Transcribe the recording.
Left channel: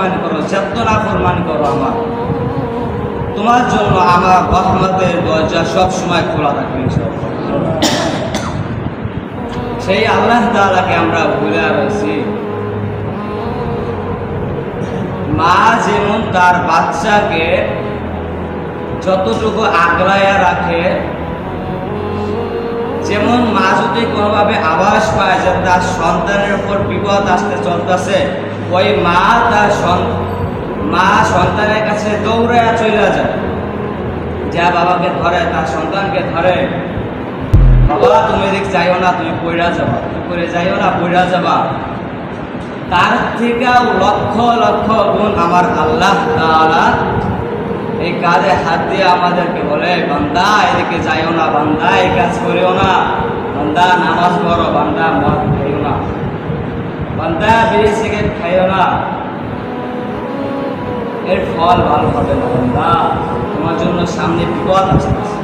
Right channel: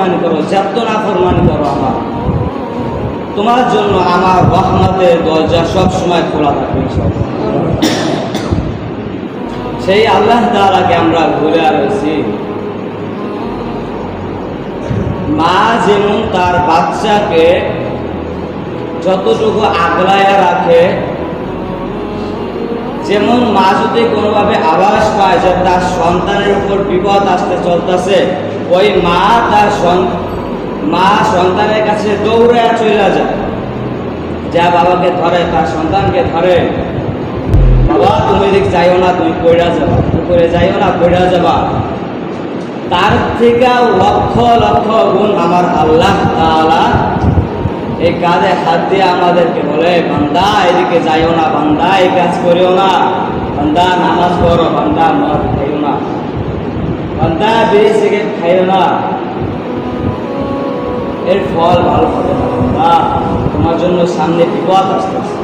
নাফরমানি করো, যত নাফরমানি করো আমার, তোমার জন্য আমার রহমতের দরজা সব সময় খোলা থাকবে ইনশাআল্লাহ। সেই আল্লাহ তাআলাকে আমরা ভুলে রয়েছি। মা যেমন তার বাচ্চাকে যতটুকু আগলায়া রাখে, যেমন মা যদি কোনোভাবে আভাস পায় যে তার সন্তানের উপর বিপদ আসতে চলতেছে, ওই মা সন্তানের কাছে দৌড়ে চলে যায়, যা বাবাকে ধরে, তার সন্তানকে ধরে, বাবা তুমি এদিক যাইও না, তুমি পড়া যাবা, তুমি পড়ে যাইও না, পড়া যাবা। তার থেকেও লক্ষ লক্ষ গুণ আমার আল্লাহ তাআলা এই কাজে হাত দিয়ে আমাদেরকে বলে, বান্দা এদিকে যাইও না, বান্দা এই কাজ করিও না, বান্দা নামাজ পড়ো, বান্দা মদ খাইও না, বান্দা বিড়ি সিগারেট খাইও না, এর ফল ভালো হবে না বান্দা, তোমার জন্য সামনে বিপদ আসতেছে।